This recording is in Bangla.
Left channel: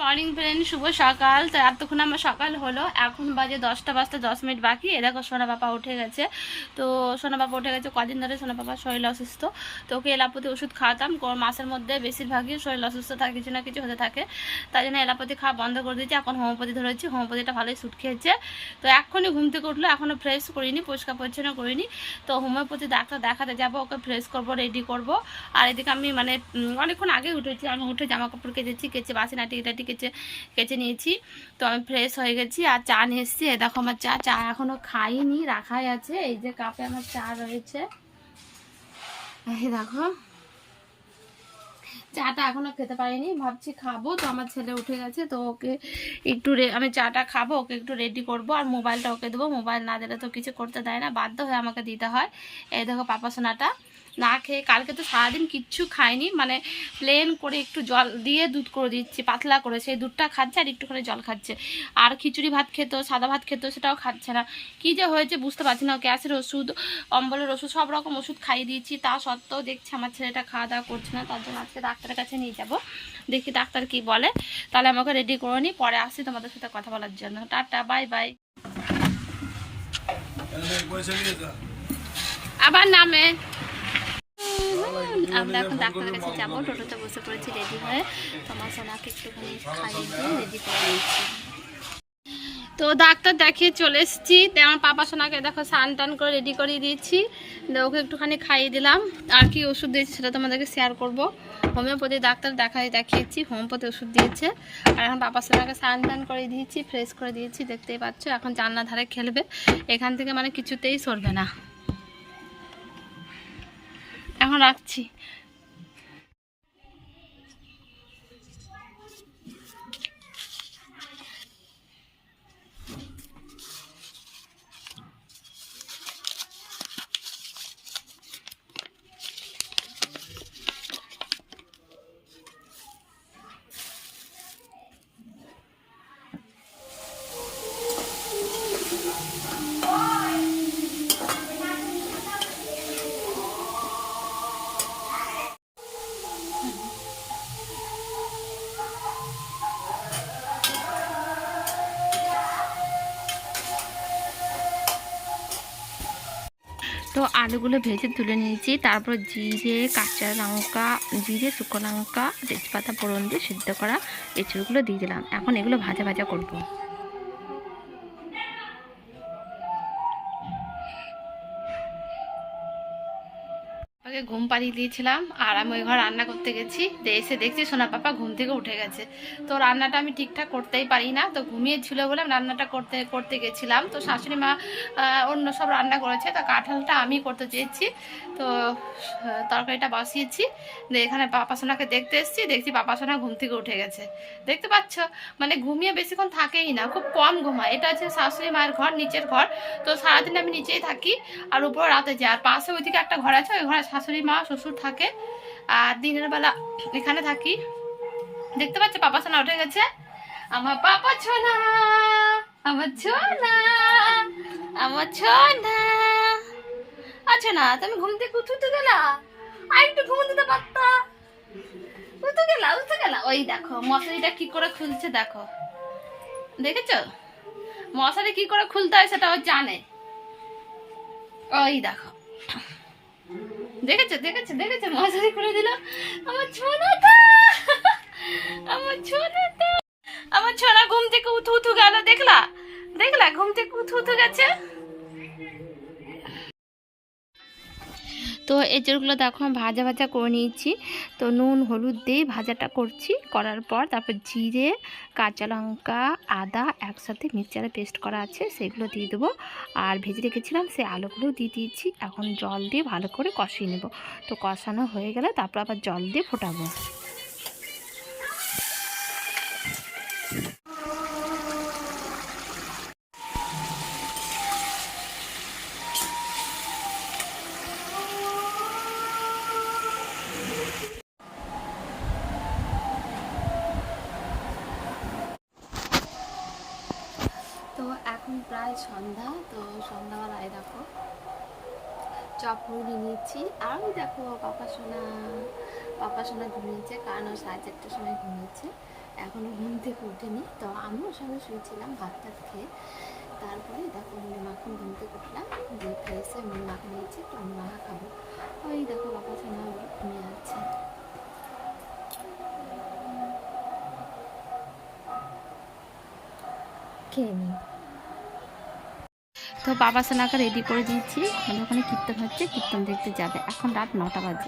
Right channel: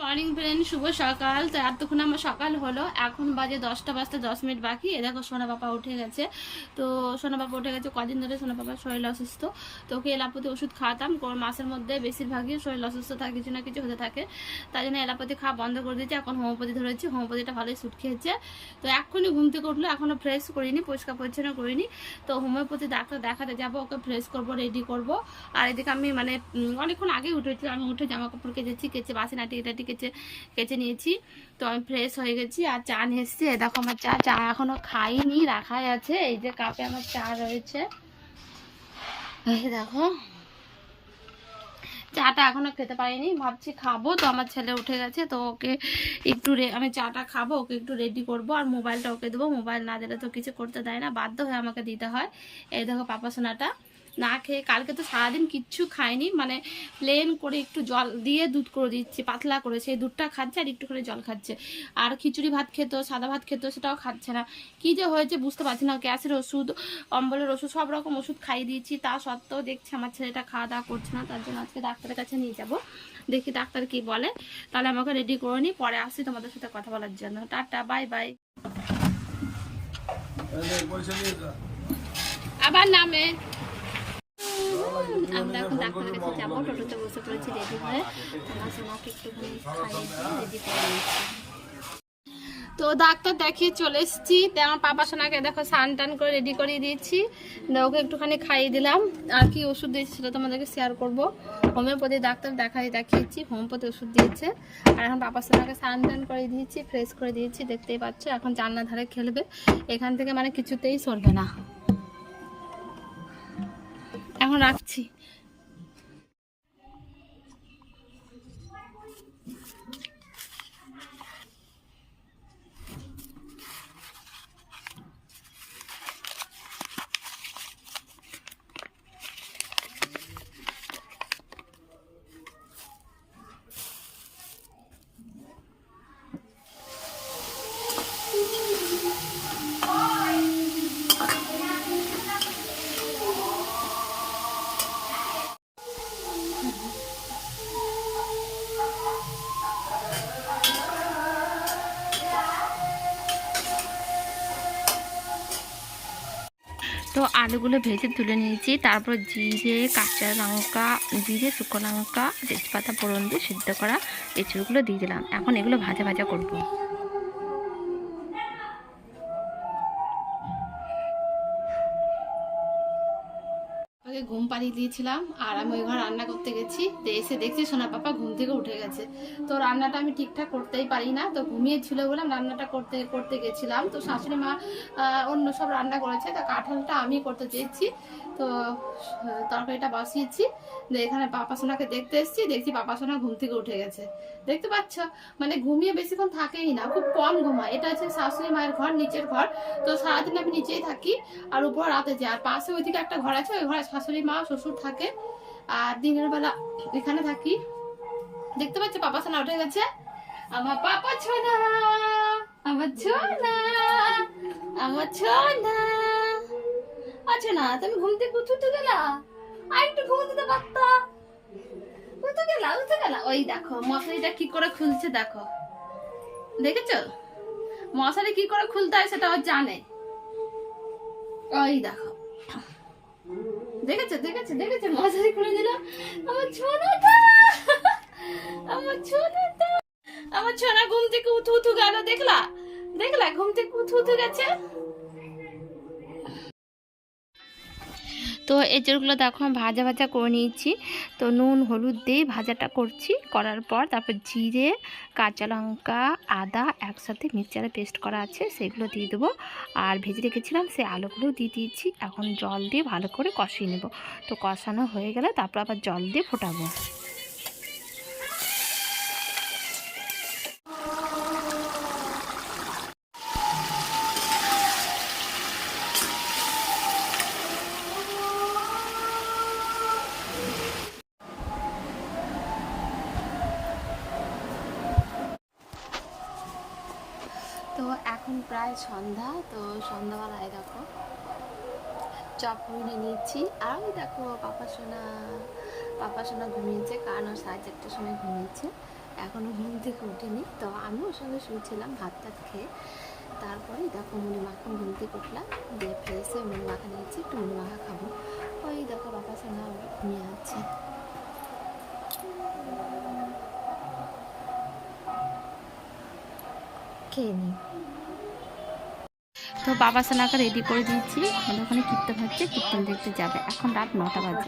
মর্নিং ফ্রেন্ড, শুভ সকাল। তো এতক্ষণ আমার সকাল হলো, এখন বাজে 10টা বাজতে 10 মিনিট বাকি। এ দেখো সোনা বাবা উঠে গেছে। তো সোনা বাবা উঠে গেছে, কদিন ধরে সোনা বাবার শরীর অসুস্থ। তো ওকে এলাপতি ওষুধ খাওয়াতাম, মাসের মধ্যে বেশিরভাগই শরীর অসুস্থ থাকে, কিছু না কিছু হতে থাকে। তাই জন্য এলাপতি খাওয়া বন্ধ করে দিয়েছি, এখন হোমিওপ্যাথি ধরেছি। হোমিওপ্যাথিটা ভালোই সুট খেয়েছে। তো এখনই ঘুম থেকে উঠলো, এখনও ফ্রেশ করিনি, পরিষ্কার পরিচ্ছন্ন করিনি। তো হোমিওপ্যাথি ডাক্তার দেখাতে যাবো, ওকে ফ্রেশ করবো, রেডি করবো। আর এদিকে আমি অনেকক্ষণ আগে উঠেছি, আমি উঠে জামা কাপড় কেচেছি, কেচে বাসি নাটি টাটি কেচে নিয়েছি। তো আমি ফ্রেশ হয়ে গেছি, আর চা নিয়ে এসেছি। দেখো আমার চা এখনো খাইনি, রাখাই আছে। এই যে কাপে আমার চা রয়েছে, এই দেখো। চাটা এখনো খেতে পারিনি, ভাবছি খাবো। তো আমার ছেলে উঠে গেছে, তো ওকে একটু আমি চাটা খাবো, ওকে একটু রেডি করবো, আর মোবাইলটা ওকে দেবো। মোবাইল না দিলে তো কিছু করতে দেয় না, বাধ্য হয়ে আমাকে দিতে হয়। এই দেখো পাপা সোনাটা না খেয়ে, কালকে তো সারাদিন কিচ্ছু খায়নি, প্লেন করে একটু জল দিয়ে দুধ করে দিচ্ছি, পাতলা করে, সেই দুধটা খাচ্ছে আর একটুখানি জল খাচ্ছে। আর খিচুড়ি ভাত খেত, সাদা ভাত খেত, সেটাও খাচ্ছে না। কী যে হয়েছে বুঝতে পারছি না। গ্যাসের ওষুধ, অম্বলের ওষুধ, সব রকম ওষুধ খাইয়ে দিয়েছি, তা সত্ত্বেও দেখছি আমার ছেলেটা খাওয়া দাওয়া করছে না। তার জন্য আজকে ডাক্তারের কাছে নিয়ে যাব, দেখি ডাক্তার কি বলে। তাহলে আমাকে রেডি করে নিই, পরে আসছি তোমাদের সাথে কথা বলার জন্য। Tata, bye bye. আবার নামে আমরা এখন ডাক্তারের কাছে যাবো, টোটোতে বসে পড়েছি রেডি হয়ে। তোমার সোনাকে একটুখানি খাইয়ে দিয়ে রেডি করে নিয়েছি। তো ডাক্তার দেখিয়ে চলে এসেছি। আমার পাপা সোনাকে দেখো স্নান টান করে রেডি করিয়ে দিয়েছি, ওকে একটুখানি খাইয়ে দিলাম। আর কি ওষুধ দিয়েছি সেটা তোমাদেরকে শেয়ার করবো। হোমিওপ্যাথি ডাক্তার দেখিয়েছি, হোমিওপ্যাথি ওষুধ দিয়েছে। আর এখন পাপা সোনাকে স্নান টান করে দিয়েছি, ফ্রেশ করে দিয়েছি, দেখতেই পাচ্ছ। এখন জানলা ধারে খেলবে, এখান থেকে কিছুতেই সরবে না। এখন রাখছি। তো আলুগুলো ভেজে তুলে নিয়েছি, তারপর জিরে, কাঁচা লঙ্কা, জিরে, শুকনো লঙ্কা, তেজপাতা ফোড়ন দিয়ে সিদ্ধ করা এঁচড়গুলো দিয়ে দিলাম। এখন এগুলো ভাজা ভাজা করব। ওকে ঘুম পাড়িয়ে দিয়েছিলাম, আর আমি ওই ঘর রান্না করতে গেছি। এসে দেখছি সোনা পাপা ঘুম থেকে উঠে গেছে। তো রান্নাটা আমি ঠিকঠাক করতেই পারি না, তো ঘুমিয়েছিল বলে আমি রান্নাটা করতে গেছিলাম। তো শাশুড়ি মা অন্য সব রান্না করেছে, তো কাঁঠালটা আমি করতে চেয়েছি। তো তরকারিটা বসিয়েছি, এখানে পাপা সোনাকে দেখতে এসেছি, দেখছি পাপা সোনা ঘুম থেকে উঠে গেছে। দেখতে পাচ্ছ, ঘুমিয়ে বেশিক্ষণ থাকেই না, খুব কম ঘুমায়। এটা হচ্ছে শাশুড়ি মায়ের ঘর, নিচের ঘর। তো সারাদিন আমি নিচেই থাকি, আর উপরে রাতে যাই। আর পাশে ওইদিকে একটা ঘর আছে, ওই ঘরে শাশুড়ি মা শ্বশুর থাকে, আর দিনের বেলা এখানে থাকি। দেখতে পাচ্ছি পাপা সোনা উঠে গেছে। আমার পাপা ছোনা, আমার ছোনা, আমার ছোনা। আচ্ছা না, তুমি ঘুম থেকে উঠতে গেলা, আর একটু ঘুম দিতে পারতা। উঠতে গেলা। ওই দেখো মশারিটা কি করে খুলছে, দেখো, দেখেছো মশারি কি করে খুলতে হয় সেটা ও জানে। ওই দেখো, দেখেছো দেখেছো দেখেছো, মশারি খুলে দিল। আমার ছোনাটা, আমার ছোনাটা, আমার ছোনা ঘুম থেকে উঠু গেল। দেখলা দেখলা, ঘুম থেকে উঠু গেছে। তো এঁচড়গুলো দেখো আমি ভাজা ভাজা করে নিয়েছি। তো নুন হলুদ দিয়ে ভাজাটা করছি, করার পর তারপর জিরে, কাঁচা লঙ্কা, আদা একসাথে মিক্সচারে পেস্ট করা আছে, সেগুলো দিয়ে দেবো। আর ভেজে রেখেছিলাম সেই আলুগুলো দিয়ে দিয়েছি। এখন জল দিয়ে ভালো করে কষিয়ে নেব। তো কষানো হয়ে গেলে তারপর আবার জল দিয়ে ফোটাবো। তো এখন প্রায় সন্ধ্যা। তো সন্ধ্যাবেলায় দেখো চপ নিয়ে নিয়েছি। আর ওই দেখো পাপা সোনা ঘুমিয়েছে, কারণ ও 4:30টার সময় ঘুমিয়েছে। এখনও ঘুম থেকে ওঠেনি, তো আমি ওর সঙ্গে শুয়েছিলাম ভাত টাত খেয়ে। তারপরে দেখো মুড়ি মাখন ঘুম থেকে উঠলাম, দিয়ে ফ্রেশ হয়ে মুড়ি মাখা নিয়েছি, একটু মুড়ি মাখা খাবো। ওই দেখো বাবা সোনা ঘুমিয়ে যাচ্ছে। খেয়ে নিই। তো বাবা সোনাকে রেডি করে দিয়েছি, আমাদের ওখানে কীর্তন হচ্ছে, কীর্তন দেখতে যাবে। এখন রাত 9টা বাজে।